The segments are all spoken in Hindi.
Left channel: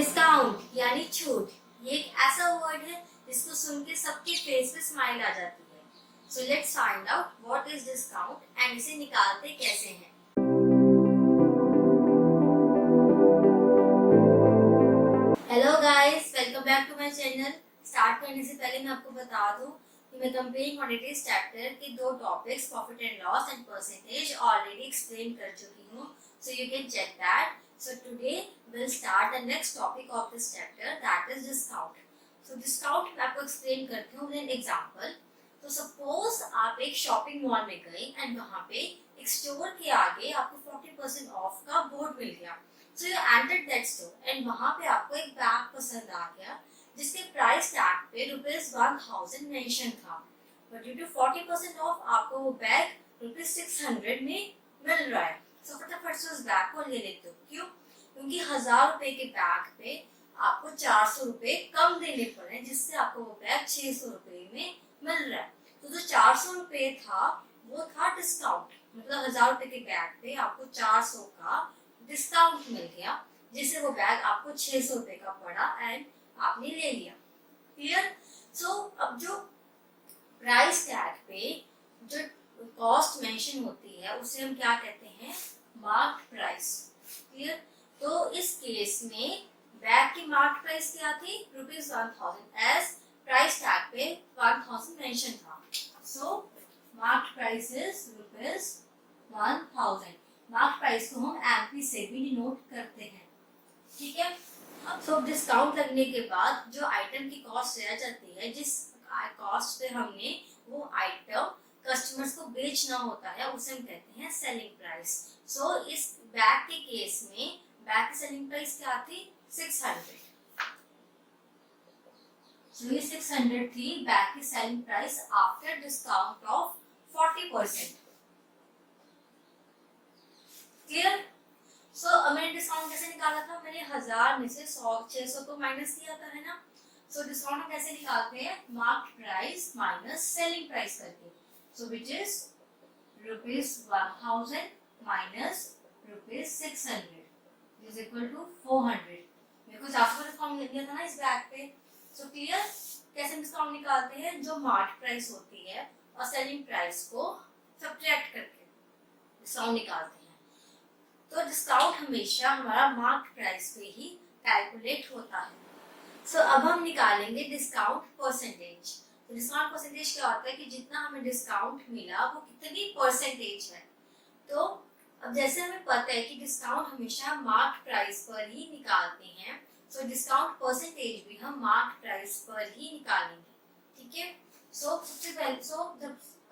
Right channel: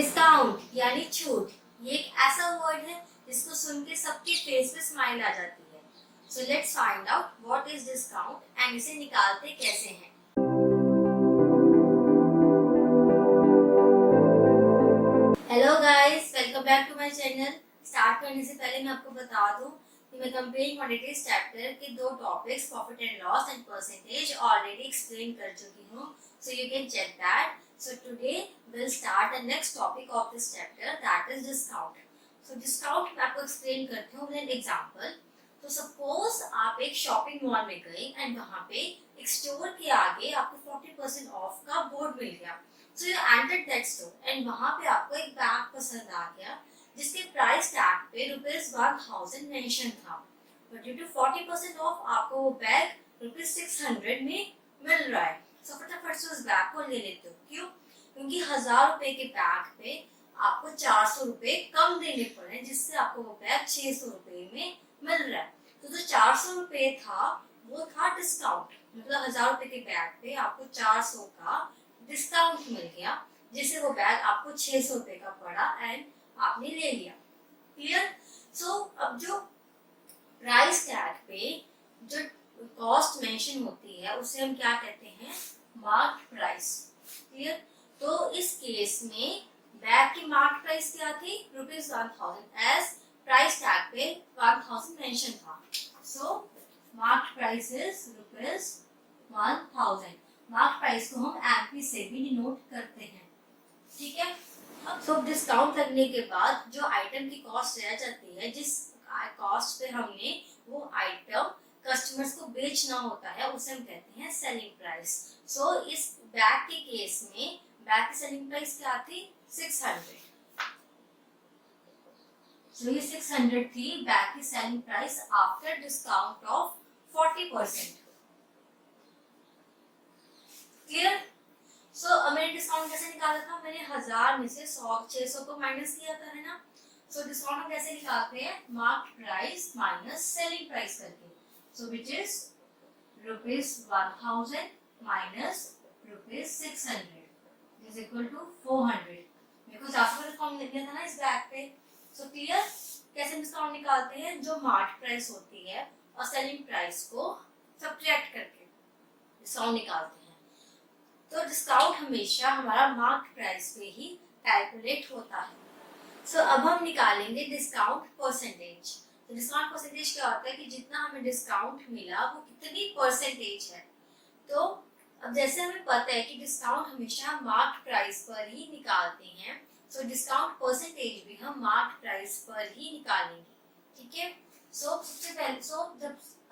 डिस्काउंट यानी छूट, ये एक ऐसा वर्ड है जिसको सुन के सबके फेस पे स्माइल आ जाती है। So let's find out what is discount and इसे निकालते कैसे हैं। Hello guys, welcome back to my channel. Start करने से पहले मैं आपको बता दूं कि मैं कंपेयरिंग क्वांटिटीज चैप्टर के दो topics profit and loss and percentage already explain कर चुकी हूँ, so you can check that. So today we'll start the next topic of this chapter, that is discount. So discount मैं आपको explain करती हूँ with an example. तो suppose आप एक shopping mall में गए and वहाँ पे एक store के आगे आपको 40% off का board मिल गया. So you entered that store and वहाँ पे आपको एक बैग पसंद आ गया जिसके प्राइस टैग पे ₹1000 मेंशन था. But due to 40% off आपको वो बैग ₹600 में मिल रहा है. तो फटाफट से उस बैग को ले लेते हो. क्यों? क्योंकि ₹1000 के बैग पे आपको ₹400 कम देने पड़े, जिससे आपको वो बैग ₹600 में मिल रहा है. तो जो ₹400 था वो था डिस्काउंट, मतलब ₹1000 के बैग पे आपको 400 का डिस्काउंट मिल गया, जिससे वो बैग आपको ₹600 का पड़ा एंड आपने ले लिया. क्लियर? सो अब जो प्राइस टैग पे जो कॉस्ट मेंशन होती है उसे हम क्या कहते हैं? Marked price. क्लियर? तो इस केस में बैग की मार्क्ड प्राइस क्या थी? ₹1000, एज प्राइस टैग पे 1000 मेंशन था. So marked price is ₹1000. Marked price को हम एमपी से भी डिनोट करते हैं. ठीक है. अब सो डिस्काउंट लगने के बाद जो आइटम की कॉस्ट रह जाती है, जिस कॉस्ट पे हमने वो आइटम कस्टमर्स को बेचना होता है, उसे हम कहते हैं सेलिंग प्राइस. सो इस बैग के केस में बैग की सेलिंग प्राइस क्या थी? 600. सो ये 600 थी बैग की selling price after discount off 40%. Clear? So मैंने डिस्काउंट कैसे निकाला था? मैंने 1000 में से 600 को माइनस किया था, है ना. सो डिस्काउंट हम कैसे निकालते हैं? Marked price minus selling price करके. So which is ₹1000 minus ₹600 is equal to 400. Because आपको डिस्काउंट दिया था ना इस बैग पे. So clear? कैसे डिस्काउंट निकालते हैं? जो मार्केट प्राइस होती है और सेलिंग प्राइस को सब्ट्रैक्ट करके डिस्काउंट निकालते हैं. तो डिस्काउंट हमेशा हमारा मार्केट प्राइस पे ही कैलकुलेट होता है. सो अब हम निकालेंगे डिस्काउंट परसेंटेज. डिस्काउंट परसेंटेज क्या होता है कि जितना हमें डिस्काउंट मिला वो कितनी परसेंटेज है. तो अब जैसे हमें पता है कि डिस्काउंट हमेशा मार्क्ड प्राइस पर ही निकालते हैं, सो डिस्काउंट परसेंटेज भी हम मार्क्ड प्राइस पर ही निकालेंगे. ठीक है. सो सबसे पहले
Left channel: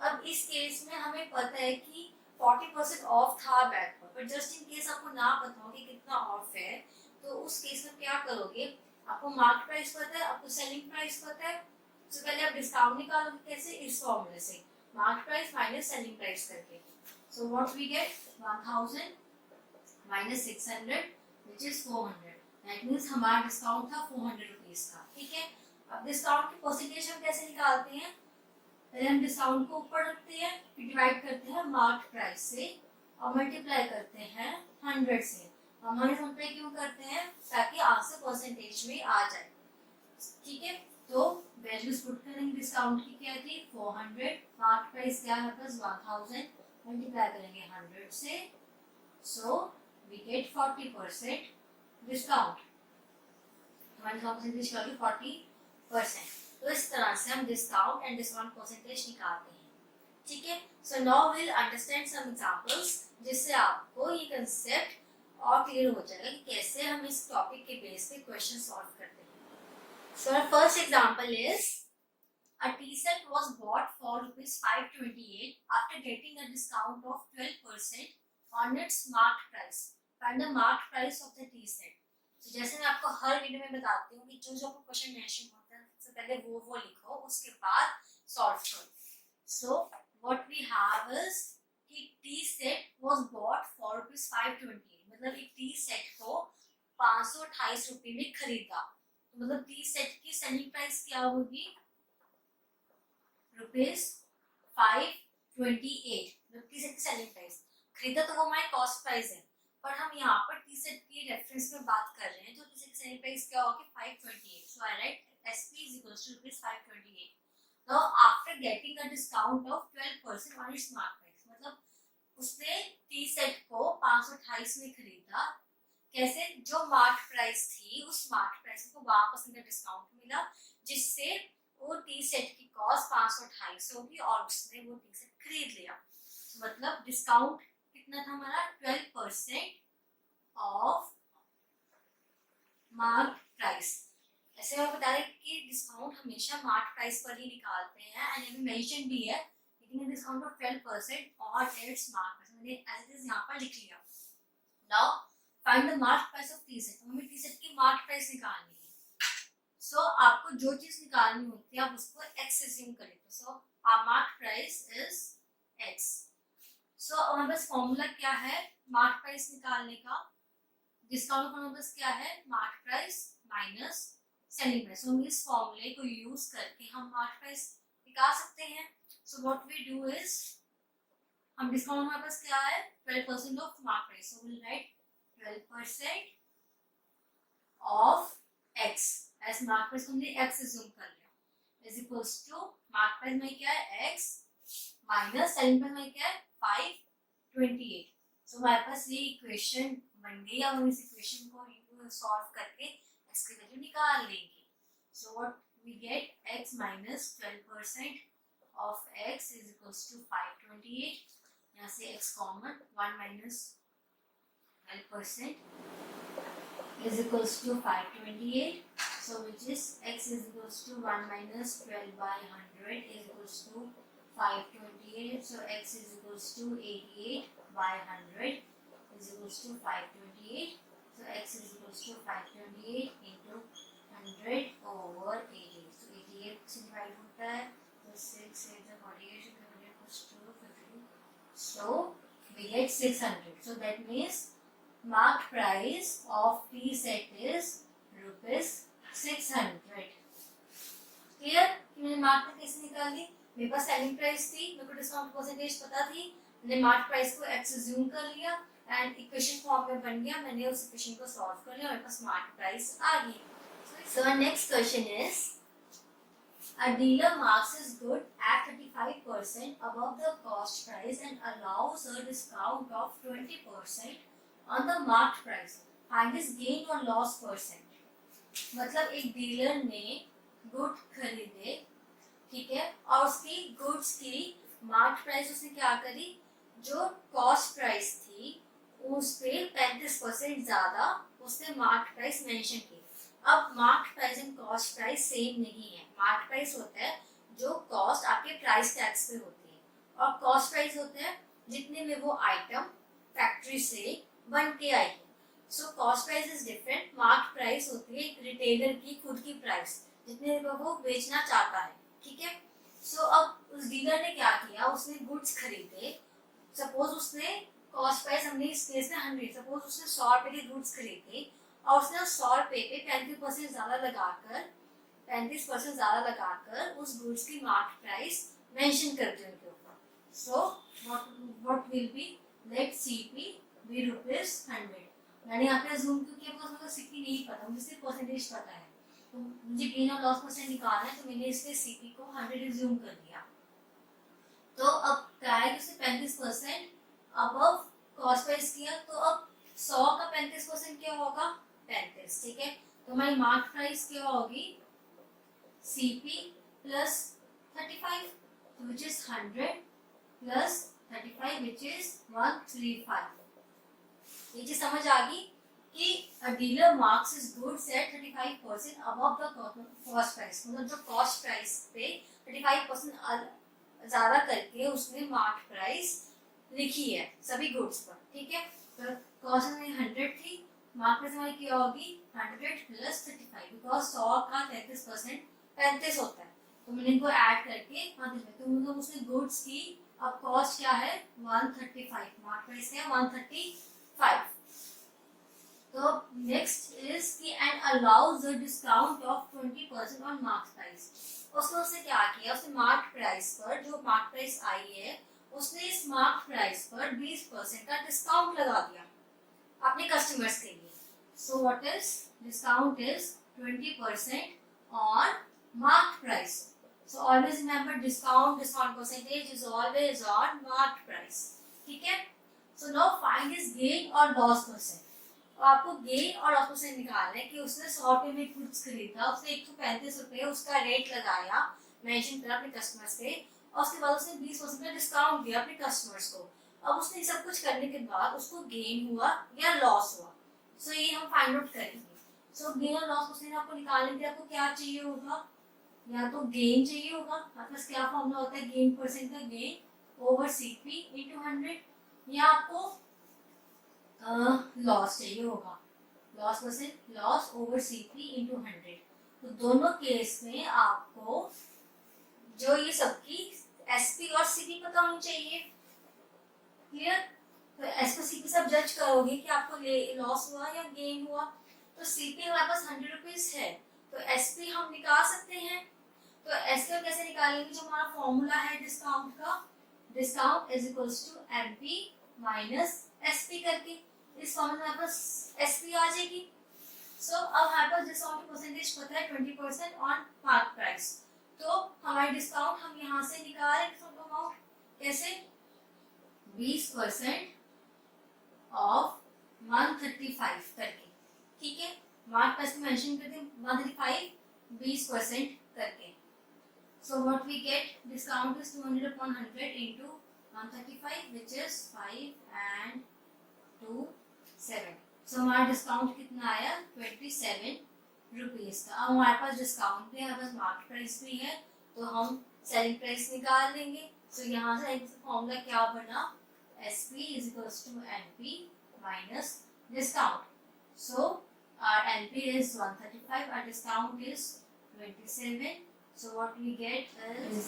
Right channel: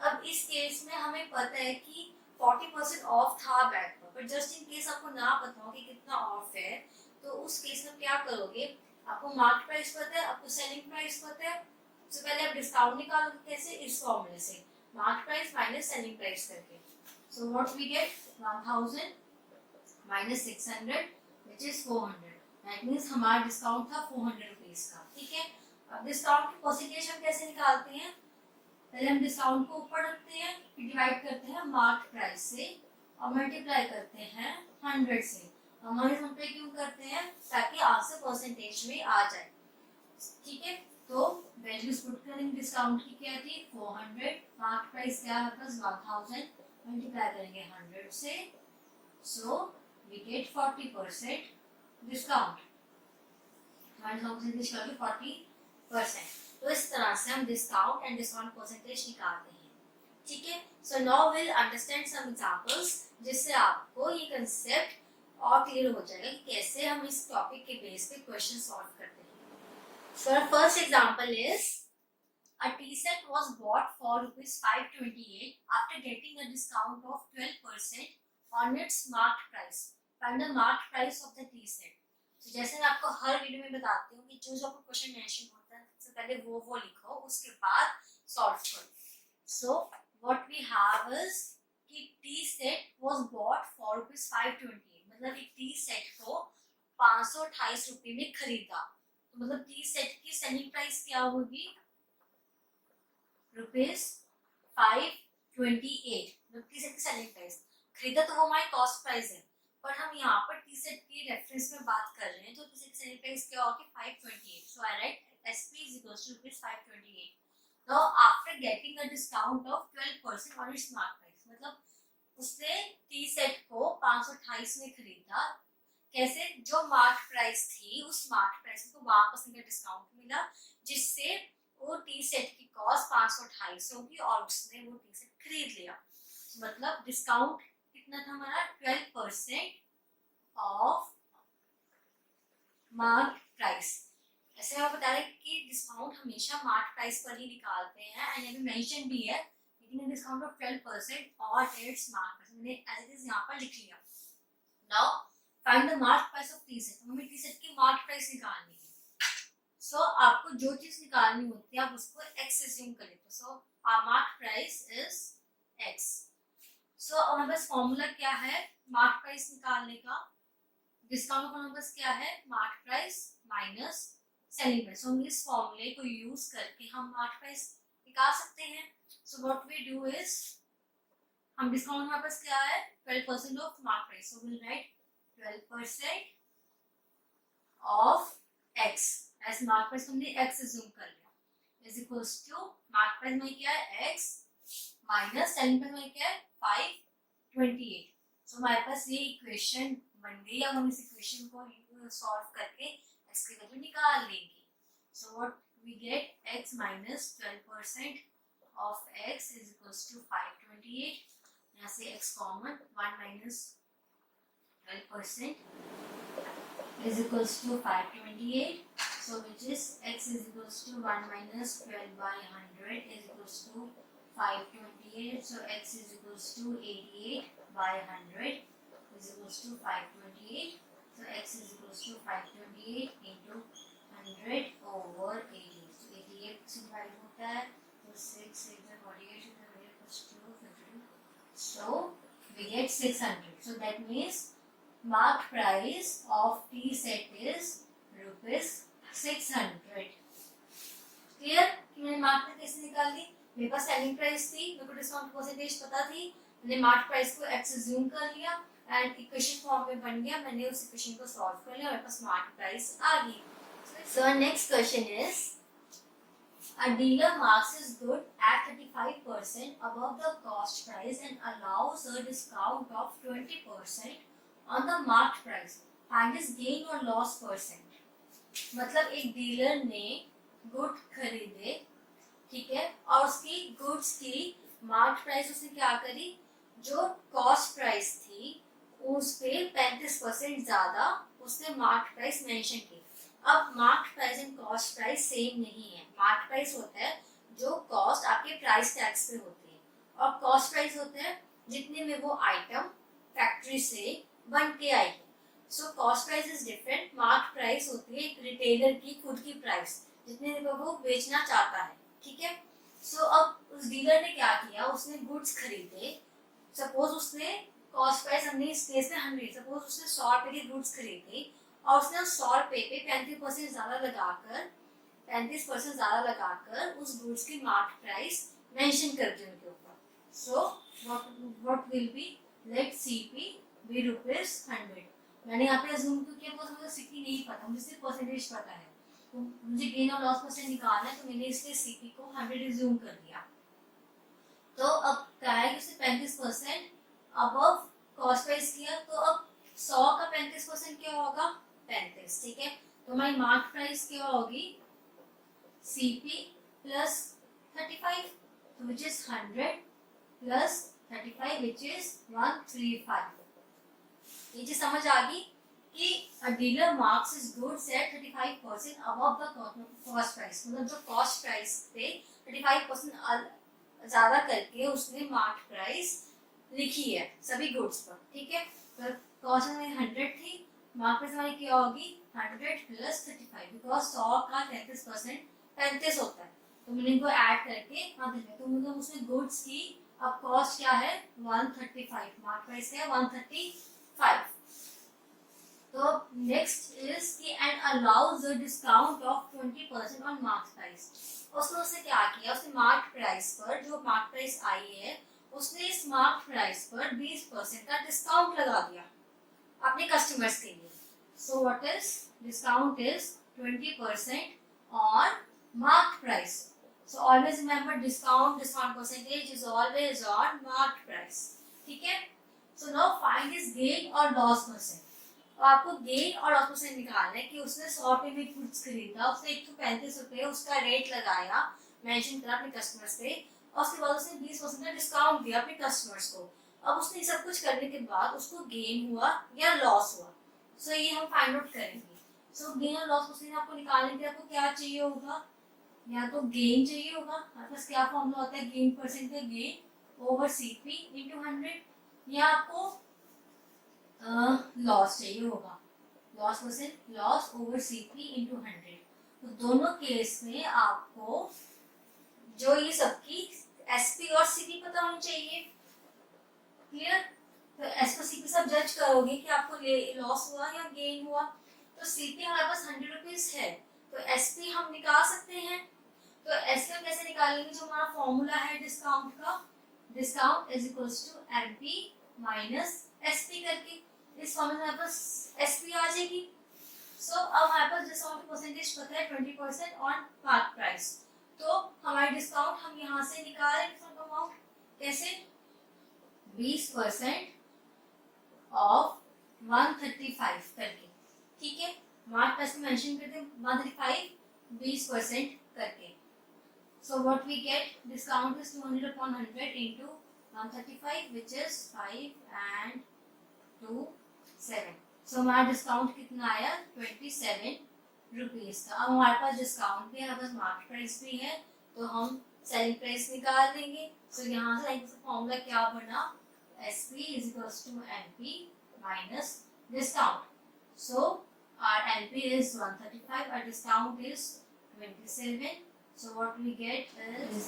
अब इस केस में हमें पता है कि 40% ऑफ था बैग पर जस्ट इन केस आपको ना पता हो कि कितना ऑफ है, तो उस केस में क्या करोगे? आपको मार्क्ड प्राइस पता है, आपको सेलिंग प्राइस पता है. तो पहले आप डिस्काउंट निकालोगे कैसे? इस फॉर्मूले से, market price minus selling price करके. So what we get? 1000 minus 600 which is 400. That means हमारा डिस्काउंट था ₹400 का. ठीक है. अब डिस्काउंट की परसेंटेज हम कैसे निकालते हैं? पहले हम डिस्काउंट को ऊपर रखते हैं, फिर डिवाइड करते हैं मार्केट प्राइस से और मल्टीप्लाई करते हैं 100 से. हमारे हम पे क्यों करते हैं? ताकि आंसर परसेंटेज में आ जाए. ठीक है. तो वैल्यूज पुट करेंगे. डिस्काउंट की क्या थी? 400. मार्केट प्राइस क्या है? बस 1000. मल्टीप्लाई करेंगे 100 से. So we get 40% discount. हमारे डिस्काउंट परसेंटेज क्या होगी? 40%. तो इस तरह से हम डिस्काउंट एंड डिस्काउंट परसेंटेज निकालते हैं. ठीक है. So now will understand some examples, जिससे आपको ये कंसेप्ट और क्लियर हो जाएगा कि कैसे हम इस टॉपिक के बेस पे क्वेश्चन सॉल्व करते हैं. So our first example is a tea set was bought for ₹528 after getting a discount of 12% on its marked price. Find the marked price of the tea set. So जैसे मैं आपको हर वीडियो में बताती हूँ कि जो आपको क्वेश्चन मेंशन होता है सबसे पहले वो लिखो, उसके बाद सॉल्व करो. So what we have is कि T set was bought for ₹528, मतलब एक टी सेट को ₹528 में खरीदा. मतलब टी सेट की सेलिंग प्राइस क्या होगी? ₹528. टी सेट की सेलिंग प्राइस. खरीदा तो वो हमारी कॉस्ट प्राइस है, पर हम यहाँ पर टी सेट की रेफरेंस में बात कर रहे हैं, तो टी सेट सेलिंग प्राइस क्या होगी 528. सो आई right SP is equals to rupees 528. Now after getting a discount of 12% on its mark price, मतलब उसने टी सेट को 528 में खरीदा. कैसे? जो मार्क प्राइस थी उस मार्क प्राइस को वापस उनका डिस्काउंट मिला, जिससे वो टी सेट की कॉस्ट 528 होगी और उसने वो टी सेट खरीद लिया. मतलब डिस्काउंट कितना था हमारा 12% ऑफ मार्क प्राइस. ऐसे हम बता रहे कि डिस्काउंट हमेशा मार्क प्राइस पर ही निकालते हैं, एंड अभी मेंशन भी है लेकिन डिस्काउंट ऑफ 12% और इट्स मार्क प्राइस मैंने एज इट इज यहाँ पर लिख लिया. Now find the mark price of T set. हमें टी सेट की मार्क प्राइस निकालनी है. सो आपको जो चीज निकालनी होती है आप उसको x अज्यूम कर लेते हो. So our mark price is x. सो हमारे पास फॉर्मूला क्या है मार्क प्राइस निकालने का? डिस्काउंट का बस क्या है mark price minus selling price. हम इस फॉर्मूले को यूज करके हम मार्क प्राइस निकाल सकते हैं. So what we do is हम डिस्काउंट हमारे पास क्या है 12% of mark price. So will write 12% of x as mark price. हमने x अज्यूम कर लिया is equals to mark price में क्या है x माइनस सेलिंग प्राइस में क्या है 528. सो हमारे पास ये इक्वेशन बन गई. अब हम इस इक्वेशन को सॉल्व करके x की वैल्यू निकाल लेंगे. So what we get x minus 12% of x is equals to 528. यहाँ से x common 1 minus 12% is equals to 528. So which is x is equals to 1 minus 12 by 100 is equals to 528. So x is equals to 88 by 100 is equals to 528. So x is equals to 528 into 100 over 88. So 88 से डिवाइड होता है तो 6 से 48 plus 2 52. So we get 600. So that means mark price of tea set is rupees 600. Clear कि मैंने मार्क प्राइस कैसे निकाल ली? मेरे पास सेलिंग प्राइस थी, मेरे को डिस्काउंट परसेंटेज पता थी, मैंने मार्क प्राइस को x अज्यूम कर लिया एंड इक्वेशन फॉर्म में बन गया. मैंने उस इक्वेशन को सॉल्व कर लिया, मेरे पास मार्क प्राइस आ गई. So next question is a dealer marks his good at 35% above the cost price and allows a discount of 20% on the marked price. Find his gain or loss percent. मतलब एक डीलर ने गुड खरीदे, ठीक है, और उसकी गुड्स की मार्क प्राइस उसने क्या करी, जो कॉस्ट प्राइस थी उस पे 35% ज्यादा उसने मार्क प्राइस मेंशन की. अब mark price and cost price same नहीं है. मार्क प्राइस होता है जो कॉस्ट आपके प्राइस टैक्स पे होती है, और कॉस्ट प्राइस होता है जितने में वो आइटम फैक्ट्री से बन के आई है. So cost price is different. Mark price होती है एक रिटेलर की खुद की प्राइस जितने में वो बेचना चाहता है, ठीक है. सो अब उस डीलर ने क्या किया, उसने गुड्स खरीदे. सपोज उसने कॉस्ट प्राइस हमने इस केस में 100, सपोज उसने 100 रुपए के गुड्स खरीदे और उसने उस 100 रुपए पे 35% ज्यादा लगाकर उस गुड्स की मार्क प्राइस मेंशन कर दी उनके ऊपर. So what will be let CP be ₹100. मैंने यहाँ पे अज्यूम क्यों किया, बिकॉज़ मुझे CP नहीं पता, मुझे सिर्फ परसेंटेज पता है. तो मुझे गेन और लॉस परसेंट निकालना है, तो मैंने इसलिए CP को 100 अज्यूम कर दिया. तो अब क्या है कि उसने 35% अबव कॉस्ट प्राइस किया. तो अब 100 का 35% क्या होगा 35, ठीक है. तो हमारी मार्क प्राइस क्या होगी CP plus 35, which is 100 plus 35, which is 135. ये चीज समझ आ गई कि a dealer marks his goods at 35% above the cost price. मतलब जो कॉस्ट प्राइस पे 35% ज्यादा करके उसने मार्क प्राइस लिखी है सभी गुड्स पर, ठीक है. तो कॉस्ट हमारी 100 थी, मार्क प्राइस हमारी क्या होगी 100 प्लस 35, बिकॉज 100 का 33% 35 होता है. तो मैंने इनको ऐड करके तो मतलब उसने गुड्स की अब कॉस्ट क्या है 135, मार्क प्राइस है 135. तो नेक्स्ट इज की and allows the discount of 20% on mark price. उसने क्या किया, उसने मार्क प्राइस पर जो मार्क प्राइस आई है उसने इस मार्क प्राइस पर 20% का डिस्काउंट लगा दिया. अपने कस्टमर्स के लिए. So what is discount is 20% on marked price. So always remember discount percentage is always on marked price. ठीक है. So now find his gain or loss percent. तो आपको गेन और लॉस परसेंट निकालना है कि उसने 100 रुपए में गुड्स खरीदा, उसने 135 रुपए उसका रेट लगाया, मेंशन करा अपने कस्टमर्स पे, और उसके बाद उसने 20% का डिस्काउंट दिया अपने कस्टमर्स को. अब उसने सब कुछ करने के बाद उसको गेन हुआ या लॉस हुआ. सो ये हम फाइंड आउट करेंगे. सो गेन और लॉस परसेंट आपको निकालने के लिए आपको क्या चाहिए होगा, या तो गेन चाहिए होगा. आपके पास क्या फॉर्मूला होता है गेन परसेंट का, गेन ओवर सीपी इंटू 100, या आपको लॉस चाहिए होगा, loss percent loss over CP into 100. तो दोनों केस में आपको जो ये सबकी एसपी और सीपी पता होनी चाहिए. क्लियर. तो एसपी सीपी सब जज करोगे कि आपको लॉस हुआ या गेन हुआ. तो सीपी हमारे पास 100 रुपीज है, तो एसपी हम निकाल सकते हैं. तो एसपी कैसे निकालेंगे, जो हमारा फॉर्मूला है डिस्काउंट का, discount is equals to MP minus SP करके, इस फॉर्मूले में हमारे पास एसपी आ जाएगी. सो अब हमारे पास डिस्काउंट परसेंटेज पता है 20% ऑन मार्क प्राइस. तो हमारी डिस्काउंट हम यहाँ से निकाल रहे हैं अमाउंट कैसे, 20% ऑफ 135 करके. ठीक है. मार्क प्राइस में मेंशन करते हैं 135 20% करके. So what we get, discount is 200 upon 100 into 135, which is 5 and 2 7. So हमारा डिस्काउंट कितना आया 27 रुपीज का. अब हमारे पास डिस्काउंट भी है, हमारे पास मार्केट प्राइस भी है, तो हम सेलिंग प्राइस निकाल लेंगे. सो यहाँ से फॉर्मूला क्या बना, SP is equals to NP minus discount. So our NP is 135, our discount is 27. So what we get is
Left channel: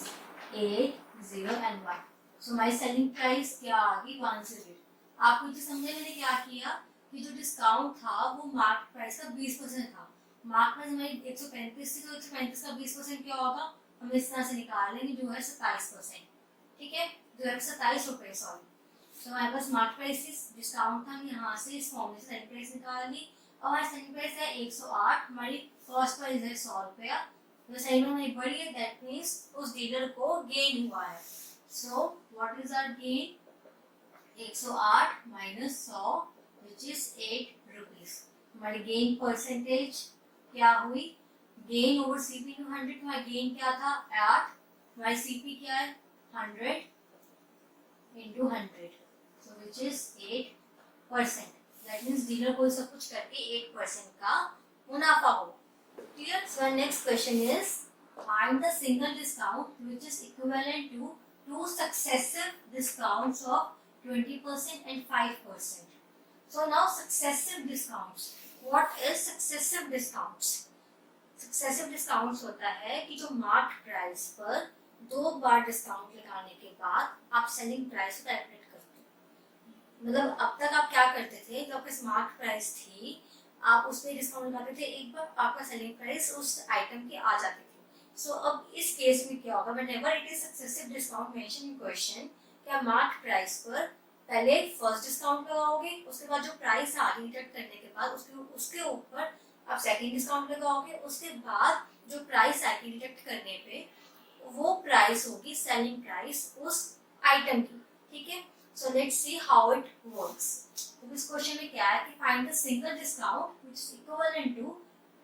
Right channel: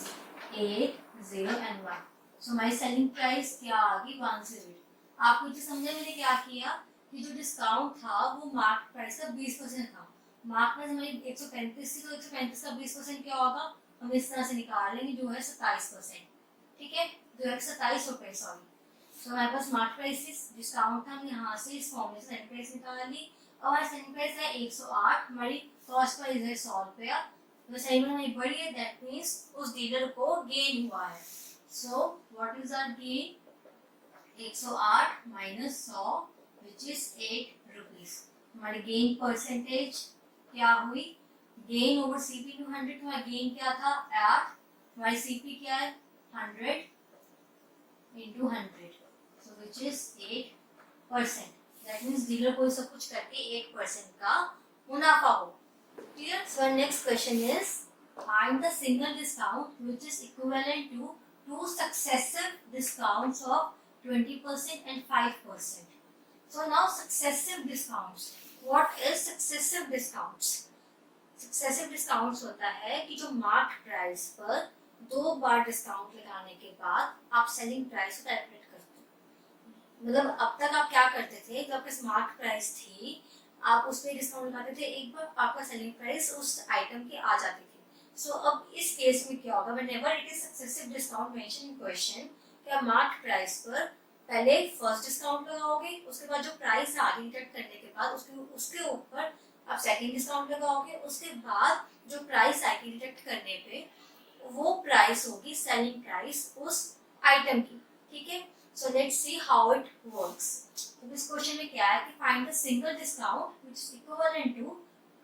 8, 0 and 1. So my selling price क्या आ गई 108. आपको जो समझे मैंने क्या किया कि जो डिस्काउंट था वो मार्क प्राइस का 20% था. मार्क प्राइस हमारी 135 थी, तो 135 का 20% क्या होगा, हम इस तरह से निकाल लेंगे, जो है 27%. ठीक है. जो है 27 रुपए, सॉरी. तो हमारे पास मार्क प्राइस डिस्काउंट था, हम यहाँ से इस फॉर्मूले से सेलिंग प्राइस निकाल ली. और हमारी सेलिंग प्राइस है 108, हमारी कॉस्ट प्राइस है 100 रुपया. तो सही में हमारी बढ़ी है, दैट मीन्स उस डीलर को गेन हुआ है. So what is our gain, 108 minus 100 which is 8 rupees. हमारी गेन परसेंटेज क्या हुई, गेन ओवर सीपी टू 100. हमारा गेन क्या था 8, हमारी सीपी क्या है 100 into 100, so which is 8%. That means dealer को सब कुछ करके 8% का मुनाफा हो. Clear? So our next question is find the single discount which is equivalent to two successive discounts of 20% and 5%. So now successive discounts. What is successive discounts? Successive discounts होता है कि जो मार्क प्राइस पर 2 बार डिस्काउंट लगाने के बाद आप सेलिंग प्राइस को कैलकुलेट करते हो. मतलब अब तक आप क्या करते थे, जो आपके मार्क प्राइस थी आप उस पर डिस्काउंट लगाते थे, एक बार आपका सेलिंग प्राइस उस आइटम की आ जाती थी. सो अब इस केस में क्या होगा, whenever it is successive discount mention in question, क्या मार्क प्राइस पर पहले फर्स्ट डिस्काउंट लगाओगे, उसके बाद जो प्राइस आगे डिडक्ट करने के बाद उसके ऊपर आप सेकंड डिस्काउंट लगाओगे, उसके बाद जो प्राइस आगे डिडक्ट करने पे वो प्राइस होगी सेलिंग प्राइस उस आइटम की. ठीक है. So let's see how it works. तो इस क्वेश्चन में क्या है कि find the single discount which is equivalent to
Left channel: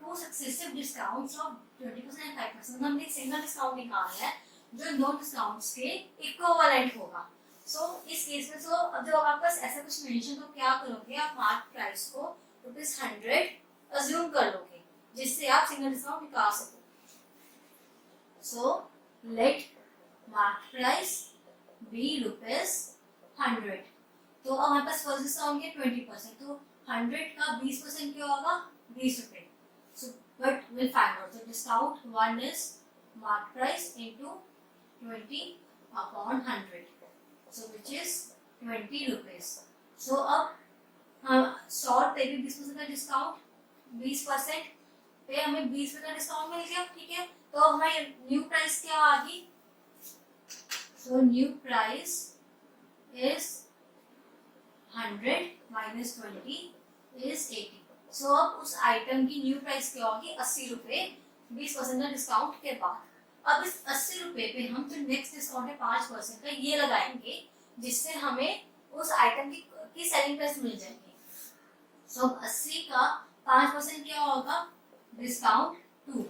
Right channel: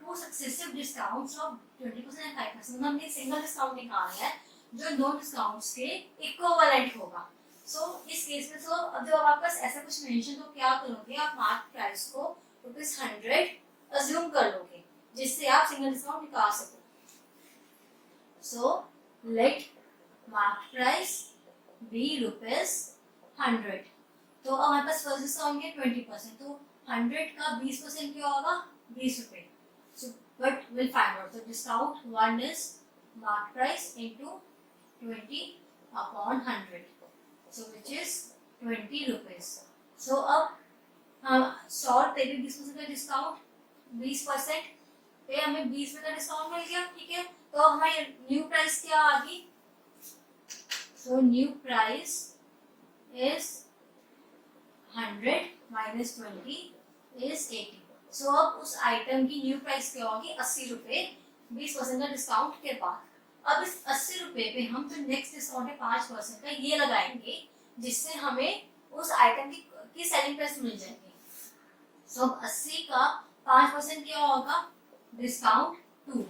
two successive discounts of 20% and 5%. हमने सिंगल डिस्काउंट निकालना है जो दो डिस्काउंट्स के इक्विवेलेंट होगा. सो इस केस में तो अब जब आपके पास ऐसा कुछ मेंशन, तो क्या करोगे, आप मार्क प्राइस को ₹100 अज्यूम कर लोगे, जिससे आप सिंगल डिस्काउंट निकाल सको. So let mark price be ₹100. तो अब हमारे पास फर्स्ट डिस्काउंट है 20%, तो 100 का 20% क्या होगा 20 रुपए. So but will find out the discount. 1 is mark price into 20 upon 100, so which is 20 rupees. So अब 100 रुपए पे 20% का डिस्काउंट, 20% पे हमें 20 रुपए का डिस्काउंट मिल गया. ठीक है. तो हमारी न्यू प्राइस क्या आ गई, so new price is 100 minus 20 is 80। सो अब उस आइटम की न्यू प्राइस क्या होगी, 80 रुपए 20% का डिस्काउंट के बाद। अब इस 80 रुपए पे हम जो नेक्स्ट डिस्काउंट है 5% का ये लगाएंगे, जिससे हमें उस आइटम की सेलिंग प्राइस मिल जाएगी। सो 80 का 5% क्या होगा, discount 2,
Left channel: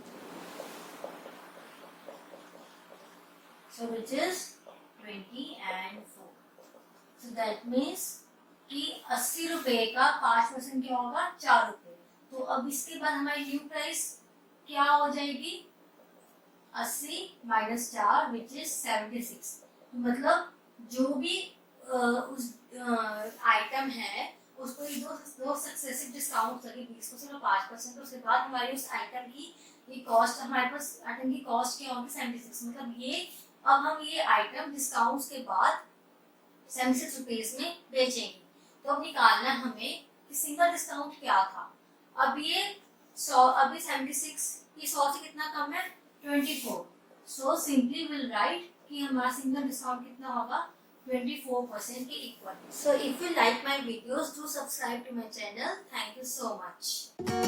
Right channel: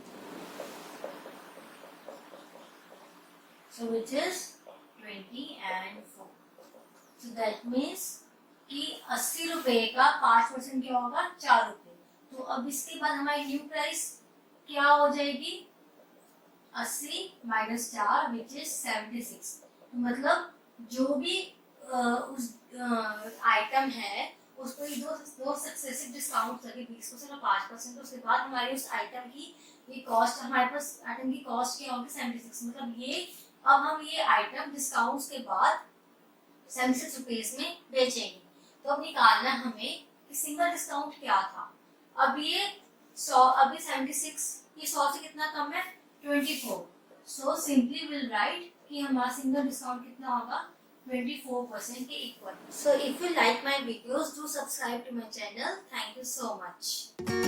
so which is 20 and 4. So that means कि 80 रुपए का 5% क्या होगा, 4 रुपए। तो अब इसके बाद हमारी न्यू प्राइस क्या हो जाएगी, 80 माइनस 4 विच इज 76। तो मतलब जो भी उस आइटम है उसको ये दो सक्सेसिव डिस्काउंट करके 20% और 5%, उसके बाद हमारी उस आइटम की ये कॉस्ट, हमारे पास आइटम की कॉस्ट क्या होगी 76। मतलब ये अब हम ये आइटम डिस्काउंट्स के बाद 76 रुपीज में बेचेंगे। तो अब निकालना हमें कि सिंगल डिस्काउंट क्या था। अब ये 100, अभी 76 ये 100 से कितना कम है, 24। सो सिंपली विल राइट कि हमारा सिंगल डिस्काउंट कितना होगा, 24% के equal. So if you like my videos, do subscribe to my channel. Thank you so much.